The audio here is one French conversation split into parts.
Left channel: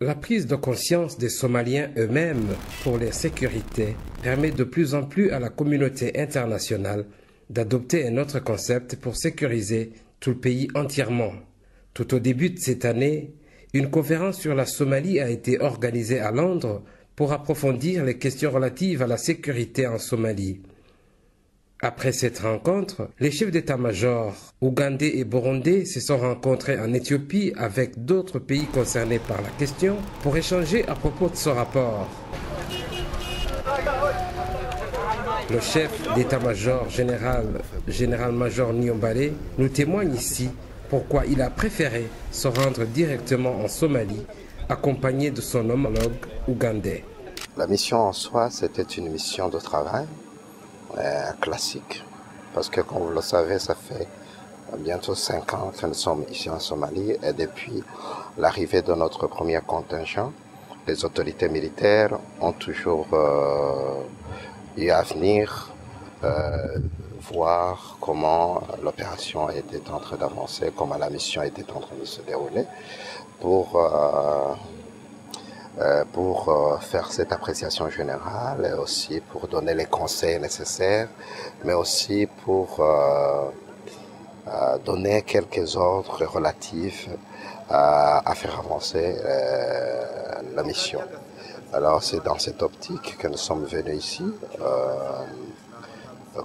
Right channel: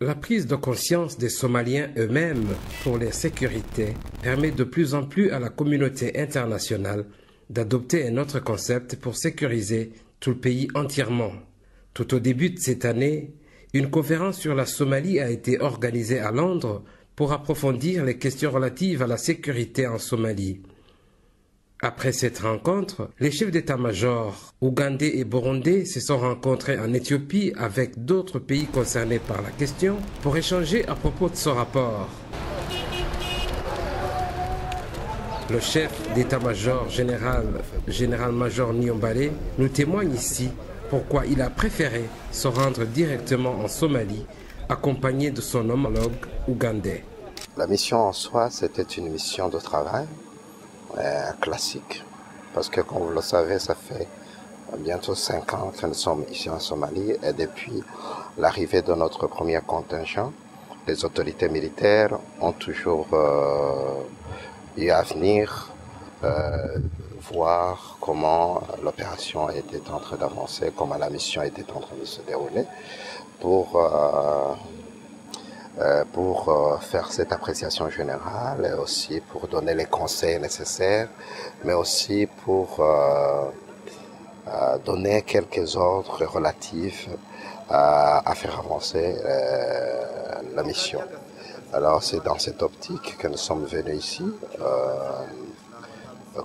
La prise de conscience des Somaliens eux-mêmes pour leur sécurité permet de plus en plus à la communauté internationale d'adopter un autre concept pour sécuriser tout le pays entièrement. Tout au début de cette année, une conférence sur la Somalie a été organisée à Londres pour approfondir les questions relatives à la sécurité en Somalie. Après cette rencontre, les chefs d'état-major ougandais et burundais se sont rencontrés en Éthiopie avec d'autres pays concernés par la question pour échanger à propos de ce rapport. Le chef d'état-major général-major Niyombare, nous témoigne ici pourquoi il a préféré se rendre directement en Somalie, accompagné de son homologue ougandais. La mission en soi, c'était une mission de travail classique, parce que comme vous le savez, ça fait bientôt 5 ans que nous sommes ici en Somalie, et depuis l'arrivée de notre premier contingent, les autorités militaires ont toujours eu à venir voir comment l'opération était en train d'avancer, comment la mission était en train de se dérouler, pour faire cette appréciation générale et aussi pour donner les conseils nécessaires, mais aussi pour donner quelques ordres relatifs à faire avancer la mission. Alors c'est dans cette optique que nous sommes venus ici,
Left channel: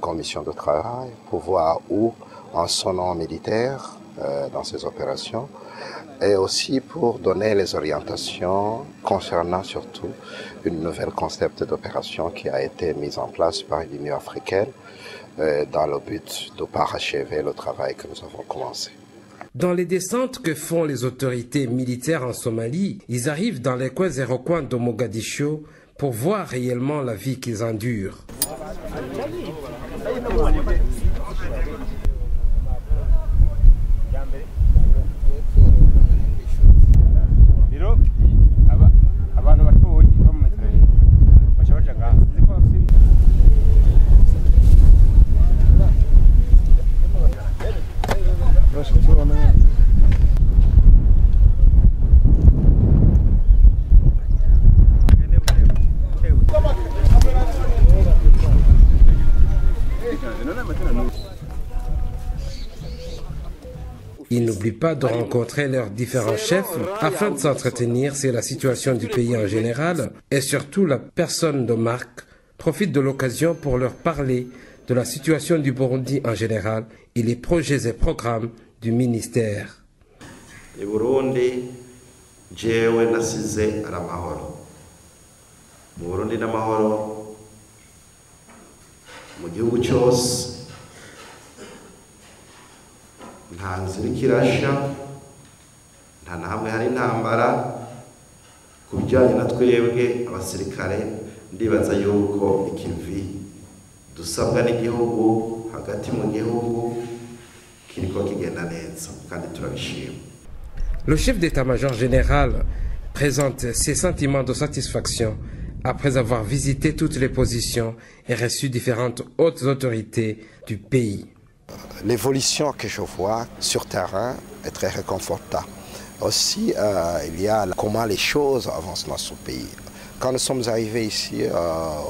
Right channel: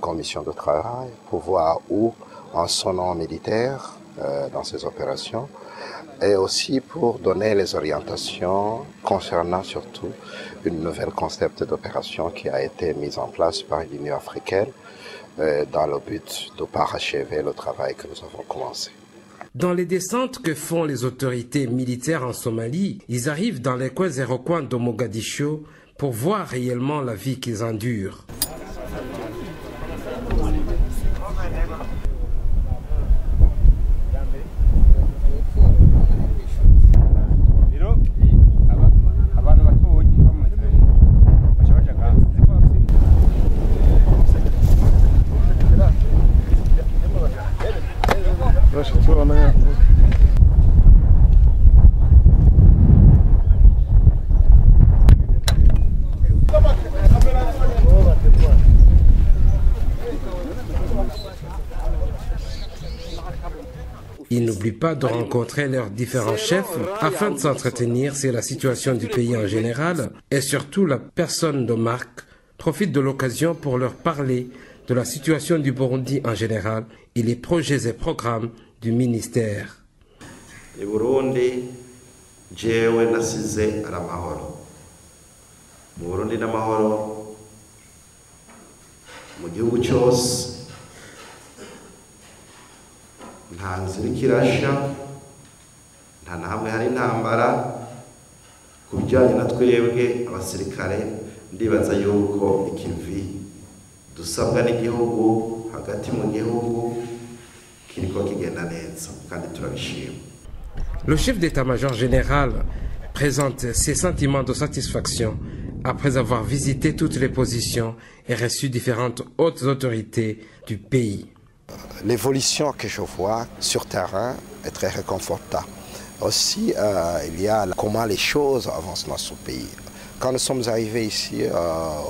comme mission de travail, pour voir où en son nom militaire dans ces opérations, et aussi pour donner les orientations concernant surtout une nouvelle concept d'opération qui a été mise en place par l'Union africaine dans le but de parachever le travail que nous avons commencé. Dans les descentes que font les autorités militaires en Somalie, ils arrivent dans les coins et recoins de Mogadiscio pour voir réellement la vie qu'ils endurent. Ils n'oublient pas de rencontrer leurs différents chefs afin de s'entretenir sur la situation du pays en général et surtout la personne de Marc profite de l'occasion pour leur parler de la situation du Burundi en général et les projets et programmes du ministère. Le Burundi, jewe nasize aramahoro. Mu Burundi n'amahoro mu gihugu cyose. Nta nzira ikirasha, nta na hamwe hari intambara. Ku bijyanye na twebwe abasirikare ndibaza yuko ikivi dusabwa n'igihugu hagati mu gihugu kiriko kigenda neza kandi turabishima. Le chef d'état-major général présente ses sentiments de satisfaction après avoir visité toutes les positions et reçu différentes hautes autorités du pays. L'évolution que je vois sur terrain est très réconfortante. Aussi, il y a comment les choses avancent dans ce pays. Quand nous sommes arrivés ici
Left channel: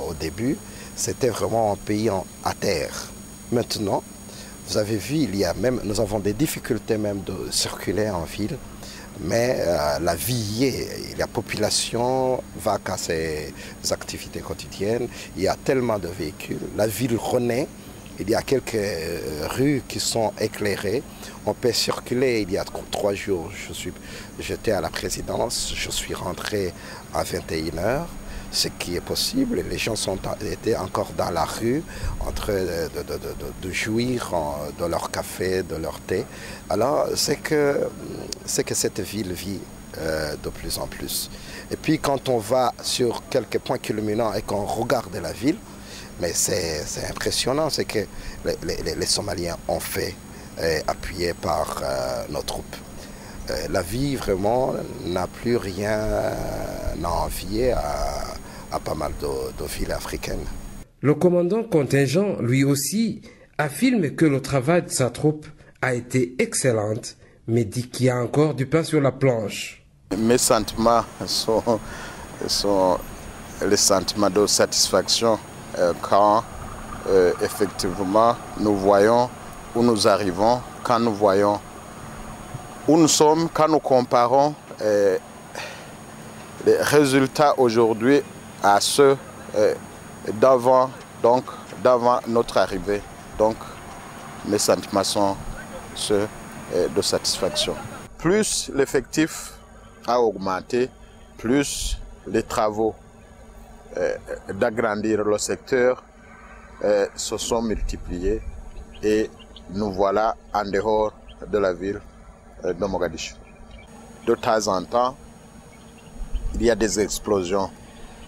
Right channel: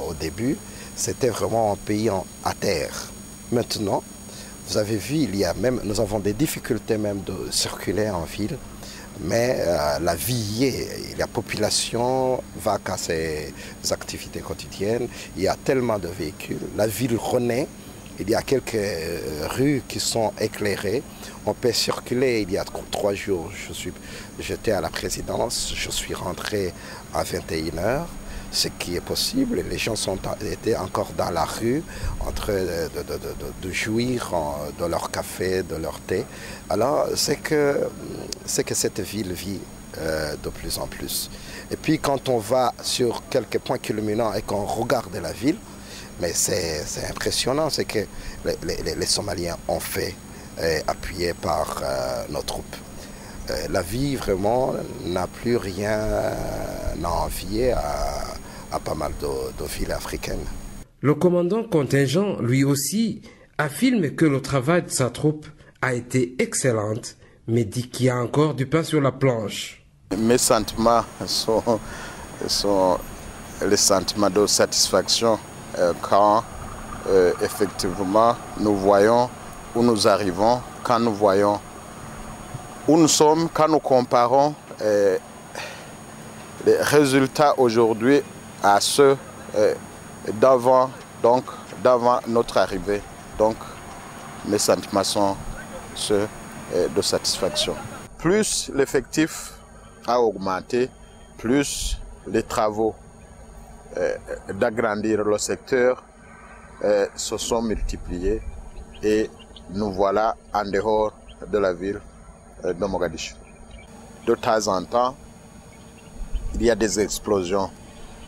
au début, c'était vraiment un pays à terre. Maintenant, vous avez vu, nous avons des difficultés même de circuler en ville, mais la vie y est. La population va à ses activités quotidiennes, il y a tellement de véhicules, la ville renaît. Il y a quelques rues qui sont éclairées. On peut circuler. Il y a 3 jours, j'étais à la présidence. Je suis rentré à 21h, ce qui est possible. Les gens étaient encore dans la rue en train de jouir de leur café, de leur thé. Alors, c'est que cette ville vit de plus en plus. Et puis, quand on va sur quelques points culminants et qu'on regarde la ville, mais c'est impressionnant ce que les Somaliens ont fait, appuyés par nos troupes. La vie vraiment n'a plus rien à envier à pas mal de villes africaines. Le commandant contingent, lui aussi, affirme que le travail de sa troupe a été excellent, mais dit qu'il y a encore du pain sur la planche. Mes sentiments sont les sentiments de satisfaction quand effectivement nous voyons où nous arrivons, quand nous voyons où nous sommes, quand nous comparons les résultats aujourd'hui à ceux d'avant notre arrivée. Donc mes sentiments sont ceux de satisfaction. Plus l'effectif a augmenté, plus les travaux d'agrandir le secteur se sont multipliés et nous voilà en dehors de la ville de Mogadiscio. De temps en temps, il y a des explosions.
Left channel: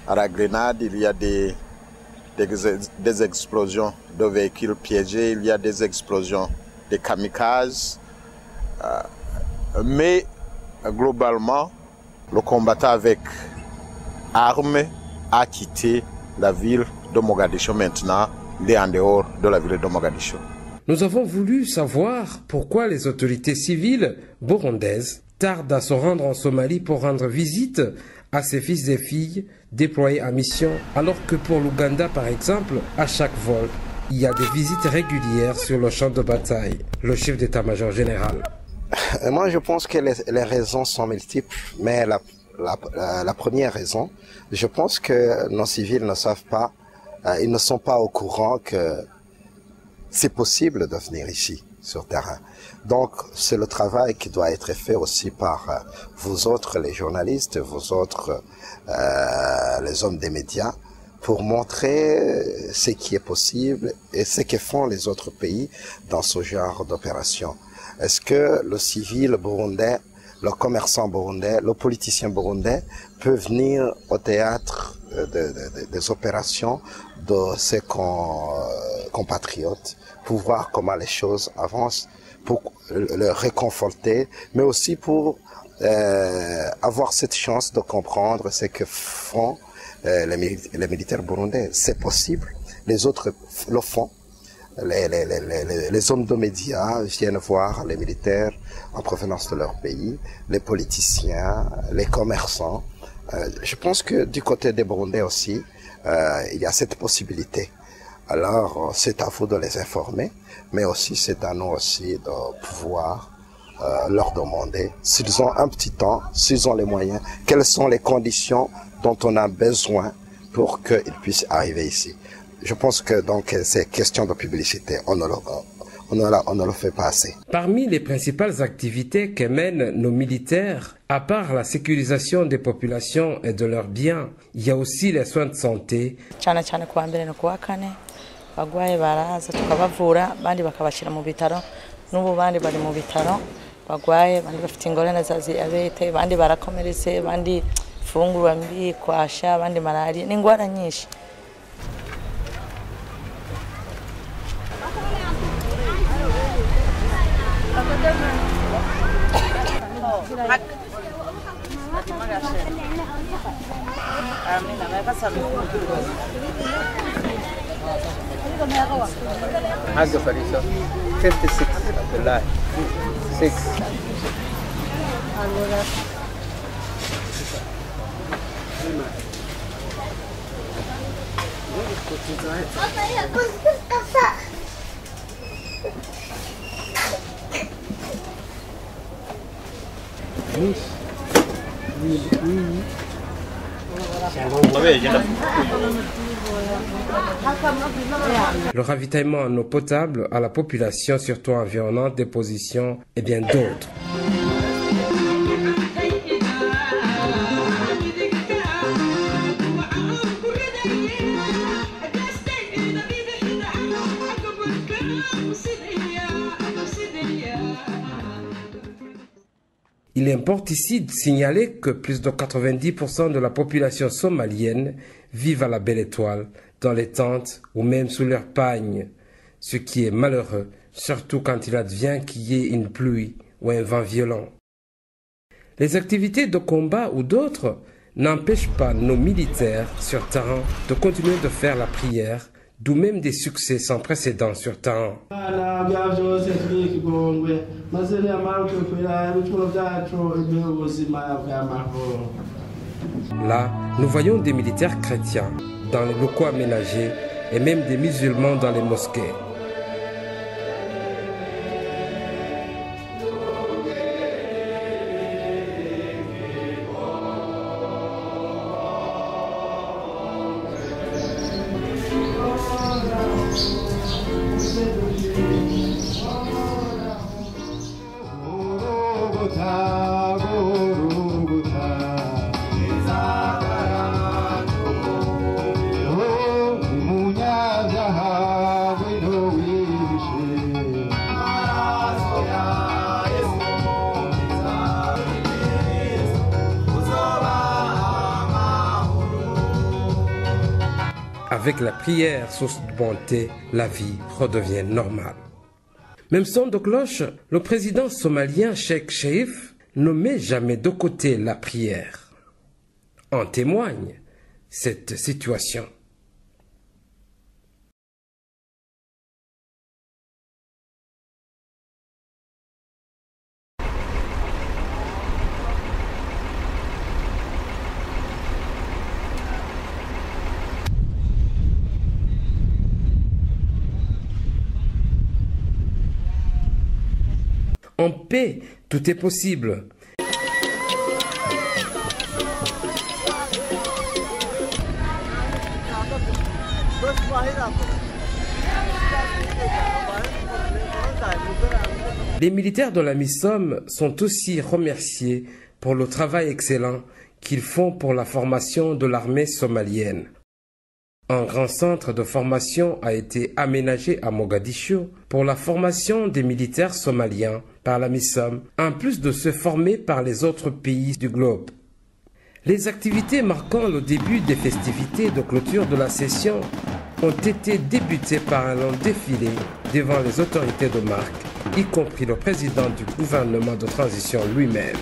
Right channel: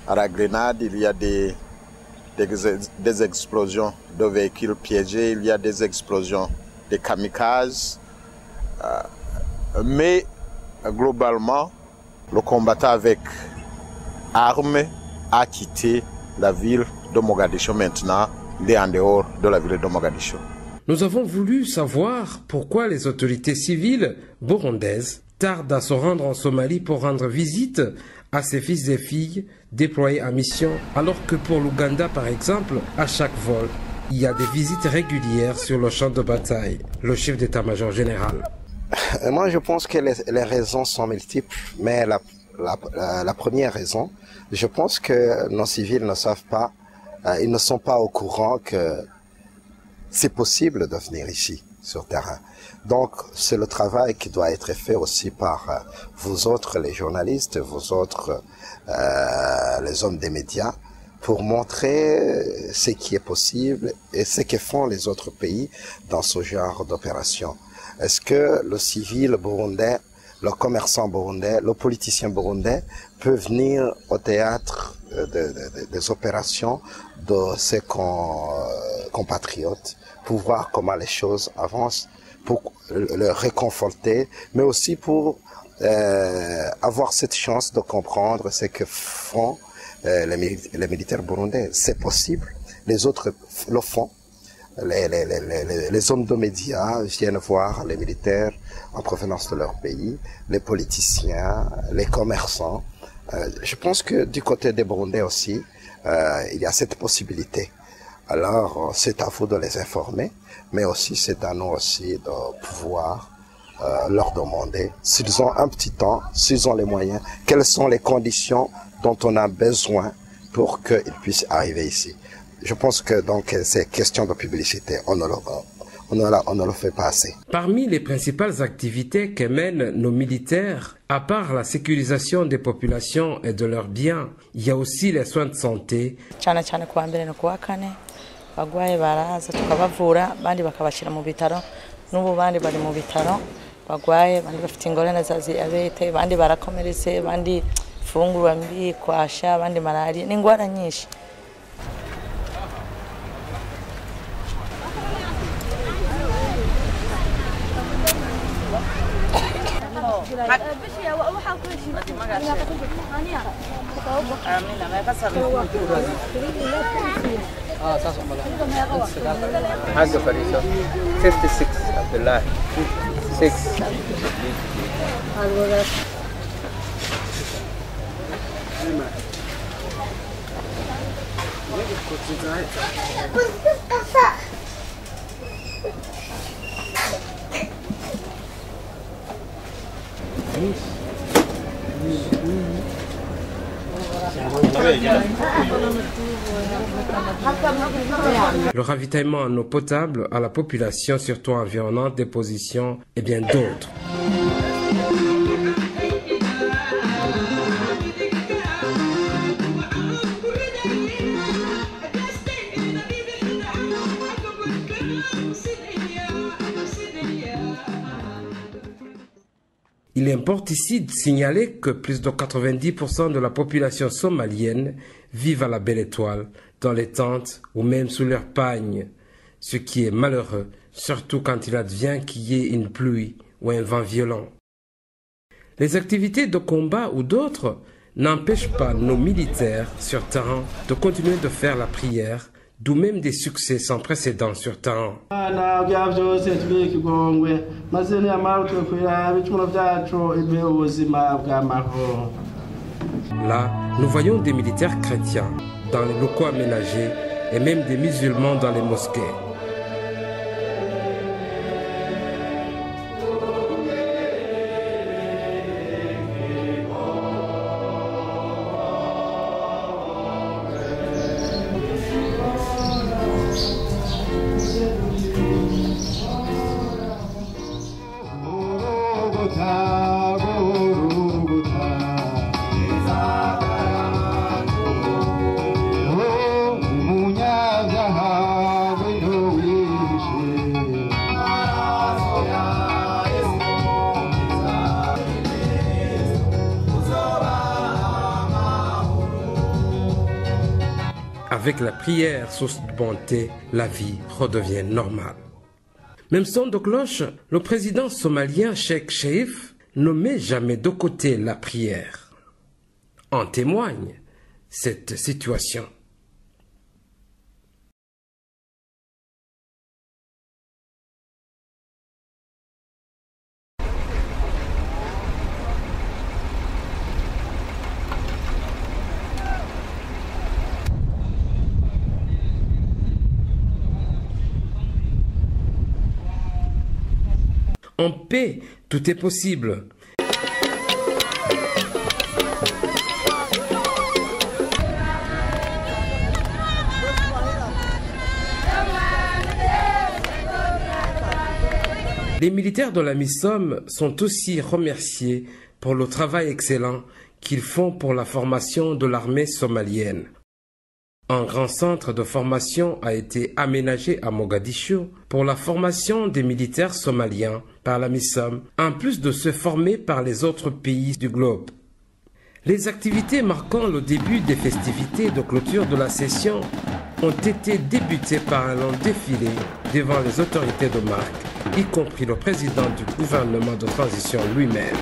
À la Grenade, il y a des explosions de véhicules piégés, il y a des explosions de kamikazes. Mais globalement, le combattant avec armes a quitté la ville de Mogadiscio maintenant. Il est en dehors de la ville de Mogadiscio. Nous avons voulu savoir pourquoi les autorités civiles burundaises tardent à se rendre en Somalie pour rendre visite à ses fils et filles déployés en mission, alors que pour l'Ouganda par exemple, à chaque vol, il y a des visites régulières sur le champ de bataille. Le chef d'état-major général. Moi je pense que les raisons sont multiples, mais la première raison, je pense que nos civils ne savent pas, ils ne sont pas au courant que c'est possible de venir ici, sur terrain. Donc, c'est le travail qui doit être fait aussi par vous autres, les journalistes, vous autres, les hommes des médias, pour montrer ce qui est possible et ce que font les autres pays dans ce genre d'opération. Est-ce que le civil burundais, le commerçant burundais, le politicien burundais peut venir au théâtre des opérations de ses compatriotes pour voir comment les choses avancent, pour le réconforter, mais aussi pour avoir cette chance de comprendre ce que font les militaires burundais. C'est possible, les autres le font. Les hommes de médias viennent voir les militaires en provenance de leur pays, les politiciens, les commerçants. Je pense que du côté des Burundais aussi, il y a cette possibilité. Alors, c'est à vous de les informer, mais aussi c'est à nous aussi de pouvoir leur demander s'ils ont un petit temps, s'ils ont les moyens, quelles sont les conditions dont on a besoin pour qu'ils puissent arriver ici. Je pense que donc c'est question de publicité, on ne le fait pas assez. Parmi les principales activités que mènent nos militaires, à part la sécurisation des populations et de leurs biens, il y a aussi les soins de santé. Bagwaye baraza tukabavura bandi bakabashira mu bitaro n'ubu bandi bari mu bitaro bagwaye bandi bafite ingorane za diabete bandi barakomeretse bandi fungurwa mbi kwasha bandi malaria n'ingwara nyinshi. How's the Farisa? 56 Abdullah. 6. Le ravitaillement en eau potable à la population, surtout environnante, des positions et bien d'autres. Il importe ici de signaler que plus de 90% de la population somalienne vivent à la Belle Étoile, dans les tentes ou même sous leurs pagnes, ce qui est malheureux, surtout quand il advient qu'il y ait une pluie ou un vent violent. Les activités de combat ou d'autres n'empêchent pas nos militaires sur terrain de continuer de faire la prière, d'où même des succès sans précédent sur terrain. Là, nous voyons des militaires chrétiens dans les locaux aménagés et même des musulmans dans les mosquées. Avec la prière, source de bonté, la vie redevient normale. Même son de cloche, le président somalien Sheikh Sharif ne met jamais de côté la prière. En témoigne cette situation. En paix, tout est possible. Les militaires de la MISOM sont aussi remerciés pour le travail excellent qu'ils font pour la formation de l'armée somalienne. Un grand centre de formation a été aménagé à Mogadiscio pour la formation des militaires somaliens par la MISOM, en plus de se former par les autres pays du globe. Les activités marquant le début des festivités de clôture de la session ont été débutées par un long défilé devant les autorités de marque, y compris le président du gouvernement de transition lui-même.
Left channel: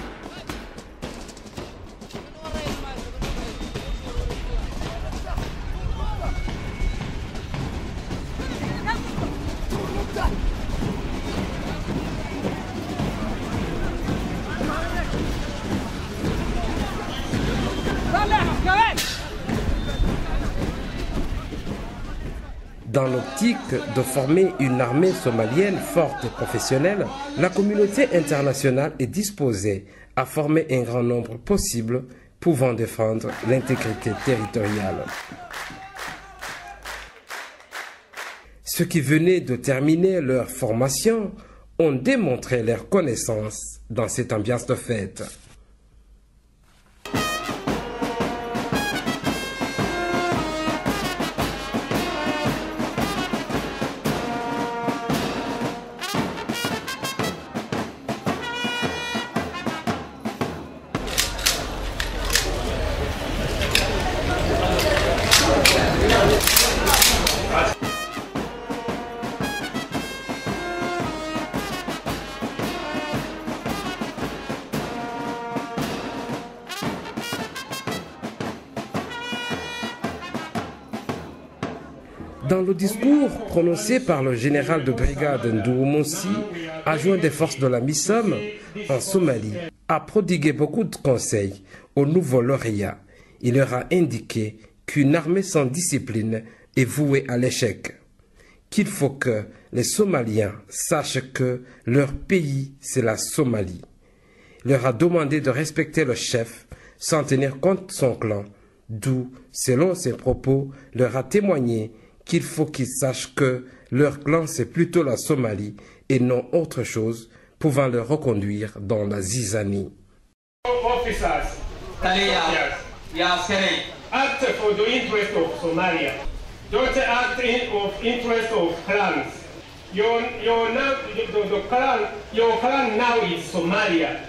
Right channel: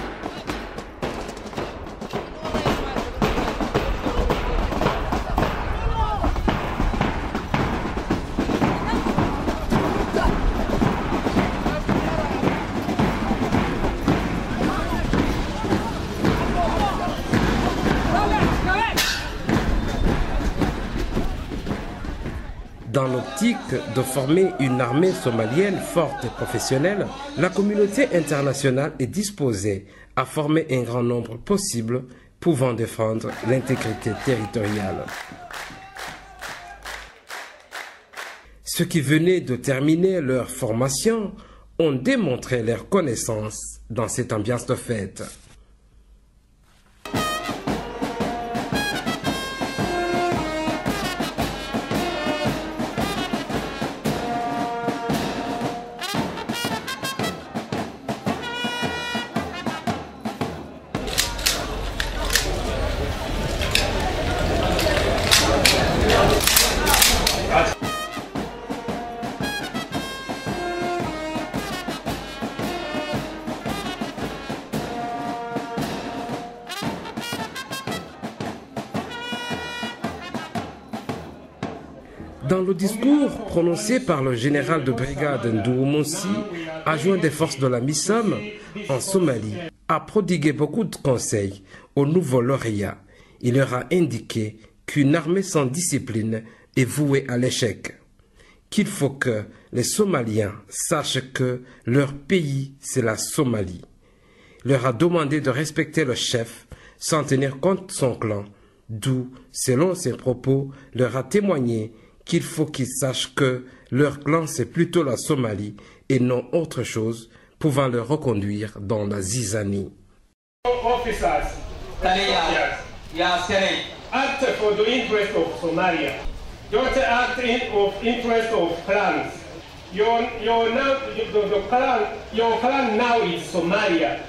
Dans l'optique de former une armée somalienne forte et professionnelle, la communauté internationale est disposée à former un grand nombre possible pouvant défendre l'intégrité territoriale. Ceux qui venaient de terminer leur formation ont démontré leur connaissance dans cette ambiance de fête. Dans le discours prononcé par le général de brigade Ndoumoussi, adjoint des forces de la MISOM en Somalie, a prodigué beaucoup de conseils aux nouveaux lauréats. Il leur a indiqué qu'une armée sans discipline est vouée à l'échec, qu'il faut que les Somaliens sachent que leur pays, c'est la Somalie. Il leur a demandé de respecter le chef sans tenir compte de son clan, d'où, selon ses propos, leur a témoigné qu'il faut qu'ils sachent que leur clan c'est plutôt la Somalie et non autre chose pouvant les reconduire dans la zizanie. Officers, act for the interest of Somalia. Don't act of interest of clans. Your clan now is Somalia.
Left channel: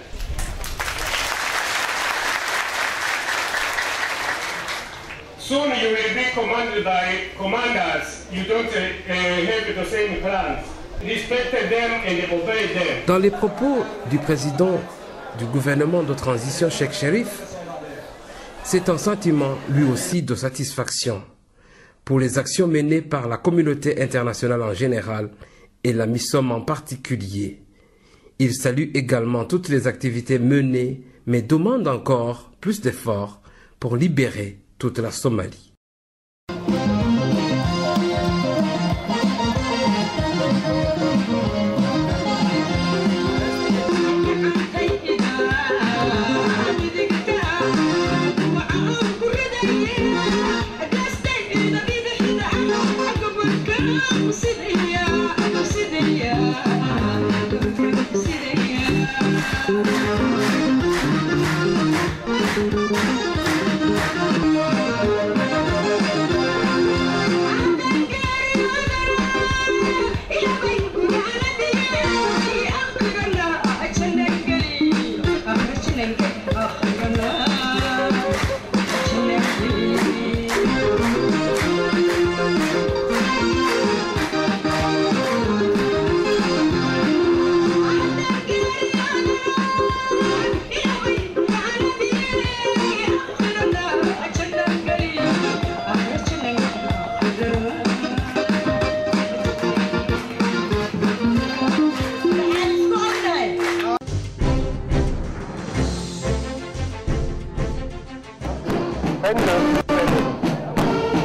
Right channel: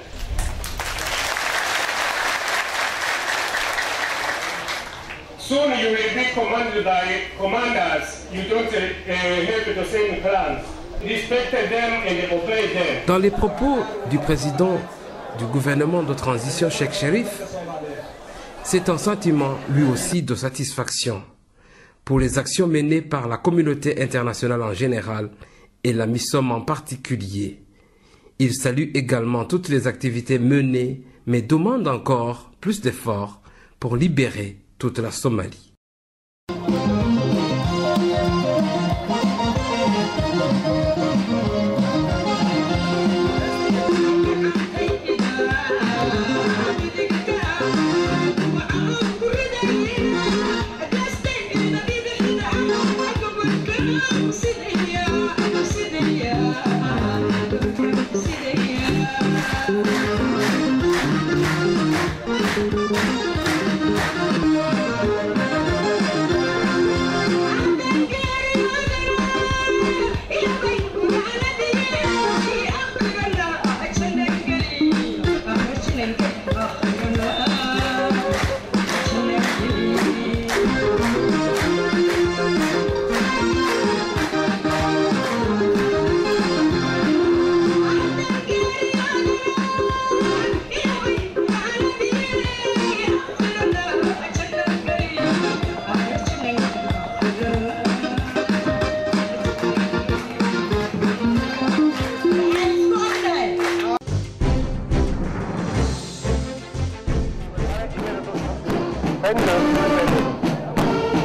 Soon you will be commanded by commanders. You don't have the same clans. Respect them and obey them. Dans les propos du président du gouvernement de transition Sheikh Sharif, c'est un sentiment lui aussi de satisfaction pour les actions menées par la communauté internationale en général et la MISOM en particulier. Il salue également toutes les activités menées, mais demande encore plus d'efforts pour libérer toute la Somalie.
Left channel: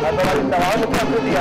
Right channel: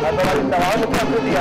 Hasta la vista, vamos a